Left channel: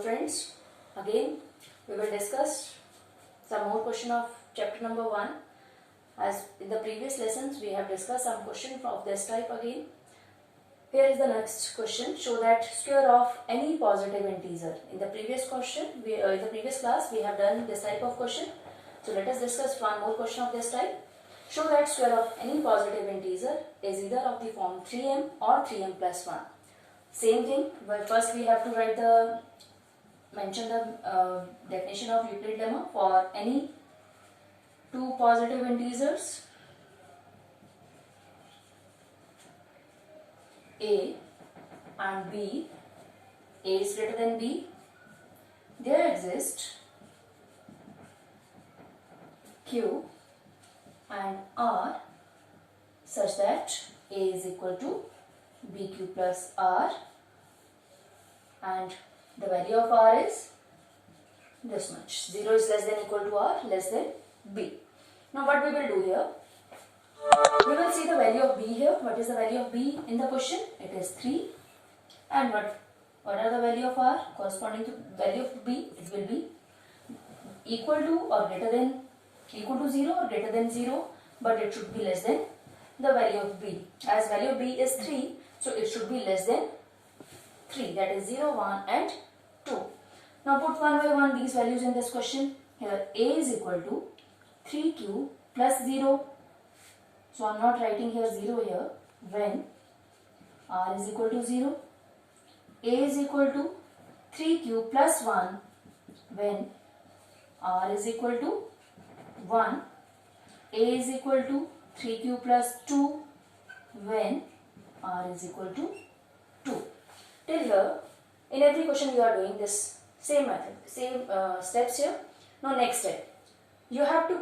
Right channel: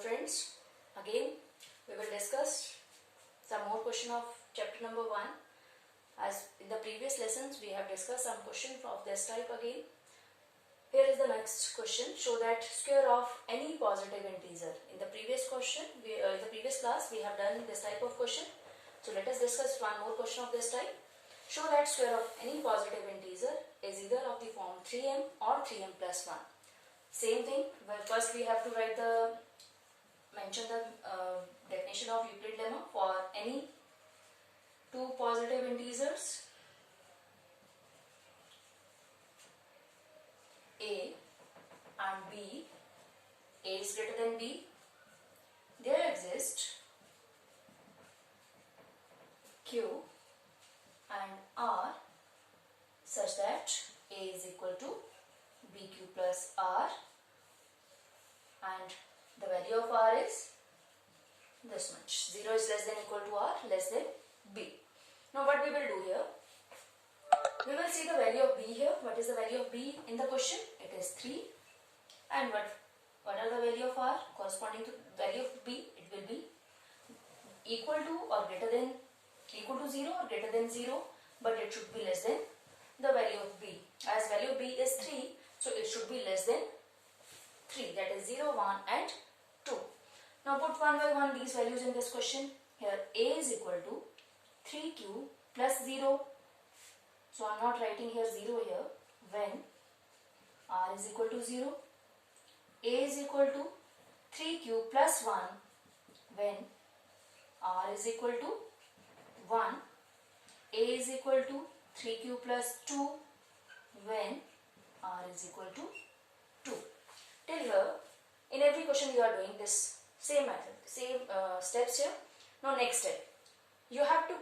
friends, again we will discuss some more question of chapter number 1. As in the previous lessons we have discussed some question of this type again. Here is the next question. Show that square of any positive integer. In the previous question, in the previous class we have done this type of question. So let us discuss one more question of this type. Show that square of any positive integer is either of the form 3m or 3m plus 1. Same thing, but first we have to mention the definition of Euclid lemma for any two positive integers a and b. A is greater than b. There exists q and r such that a is equal to bq plus r, and the value of r is this much. 0 is less than equal to r, less than b. Now what we will do here? We will see the value of b here. What is the value of b in the question? It is 3. And what are the value of r corresponding to value of b? It will be equal to or greater than equal to 0 or greater than 0, but it should be less than the value of b. As value of b is 3, so it should be less than 3, that is 0, 1 and 2. Now put one by one these values in this question. Here a is equal to 3q plus 0. So I am not writing here 0 here. When r is equal to 0, a is equal to 3q plus 1 when r is equal to 1, a is equal to 3q plus 2 when r is equal to 2. Till here, in every question you are doing this same method, same steps here. Now next step, you have to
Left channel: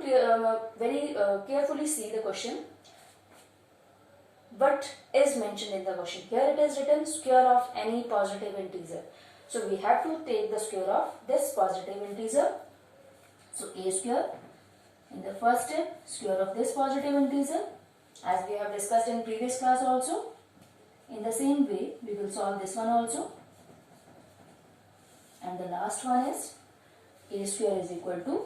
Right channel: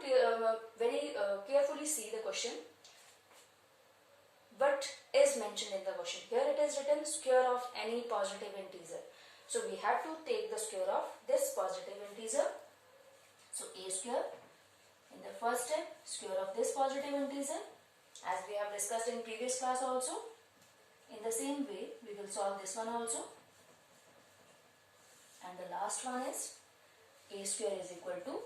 very carefully see the question. What is mentioned in the question? Here it is written square of any positive integer. So we have to take the square of this positive integer. So a square. In the first step, square of this positive integer, as we have discussed in previous class also. In the same way, we will solve this one also. And the last one is a square is equal to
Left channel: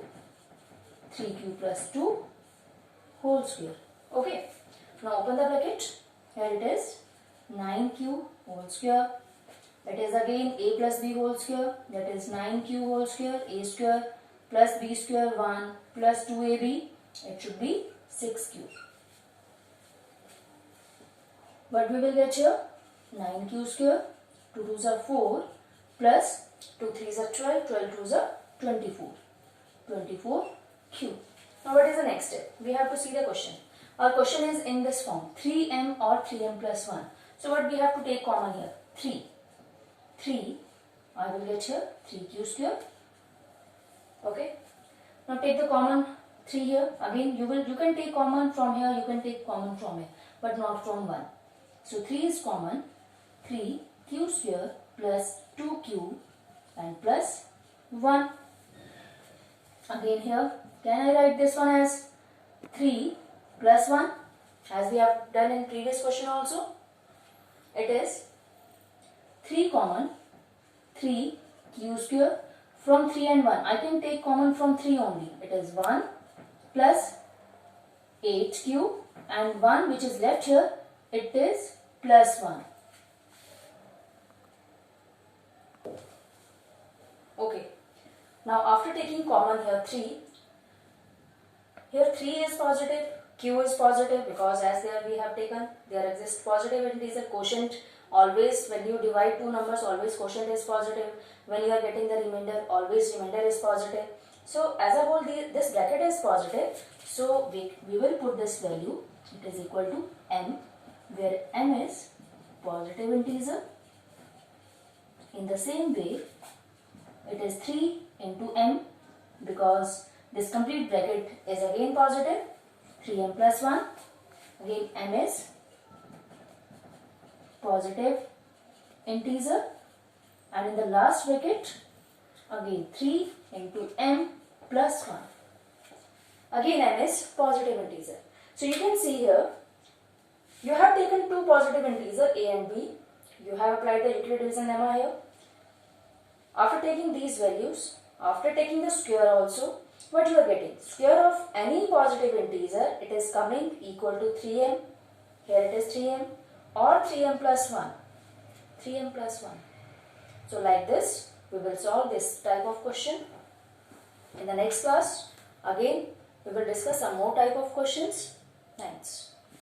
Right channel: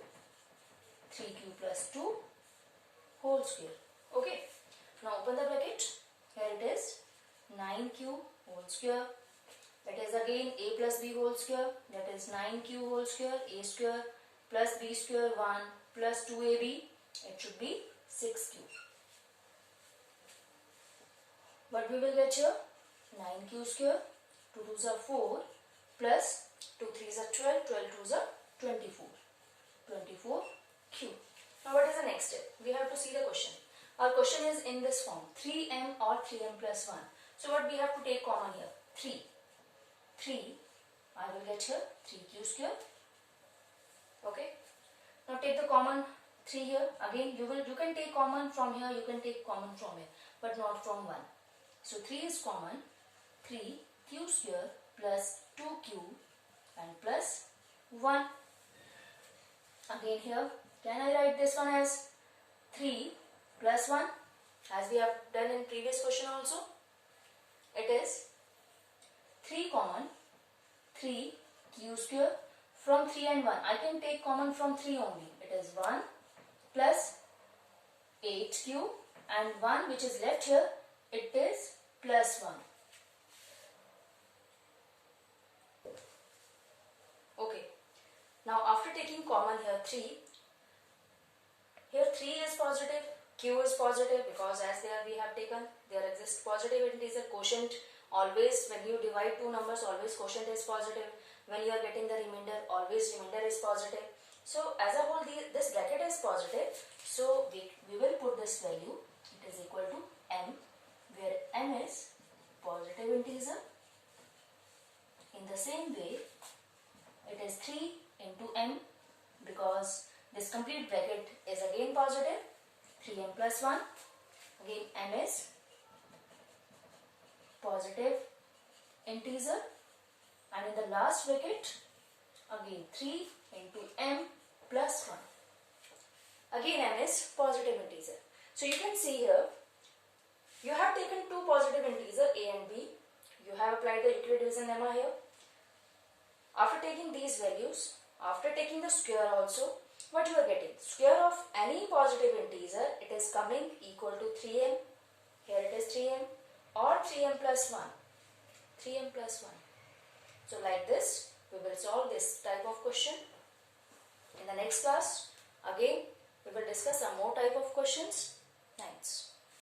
3q plus 2 whole square. Okay. Now open the bracket. Here it is 9q whole square. That is again a plus b whole square. That is 9q whole square. A square plus b square 1 plus 2ab. It should be 6q. What we will get here? 9q square. 2 2s are 4 plus 2 3s are 12. 12 2s are 24. 24q. Now what is the next step? We have to see the question. Our question is in this form 3m or 3m plus 1. So what we have to take common here? 3. 3 I will get here 3q square. Okay. Now take the common 3 here. Again you can take common from here, you can take common from here, but not from 1. So 3 is common. 3q square plus 2q and plus 1. Again here, can I write this one as 3 plus 1 as we have done in previous question also? It is 3 common 3q square. From 3 and 1, I can take common from 3 only. It is 1 plus 8q and 1 which is left here, it is plus 1. Okay. Now after taking common here 3, here 3 is positive, q is positive because as there we have taken, there exists positive integer quotient. Always when you divide two numbers, always quotient is positive. When you are getting the remainder, always remainder is positive. So as a whole this bracket is positive. So we will put this value, it is equal to m, where m is positive integer. In the same way, it is 3 into m because this complete bracket is again positive. 3m plus 1, again m is positive integer, and in the last bracket again 3 into m plus 1. Again m is positive integer. So you can see here you have taken two positive integers a and b. You have applied the Euclid division lemma here. After taking these values, after taking the square also, what you are getting? Square of any positive integer, it is coming equal to 3m. Here it is 3m or 3m plus 1. 3m plus 1. So like this, we will solve this type of question. In the next class, again, we will discuss some more type of questions. Thanks.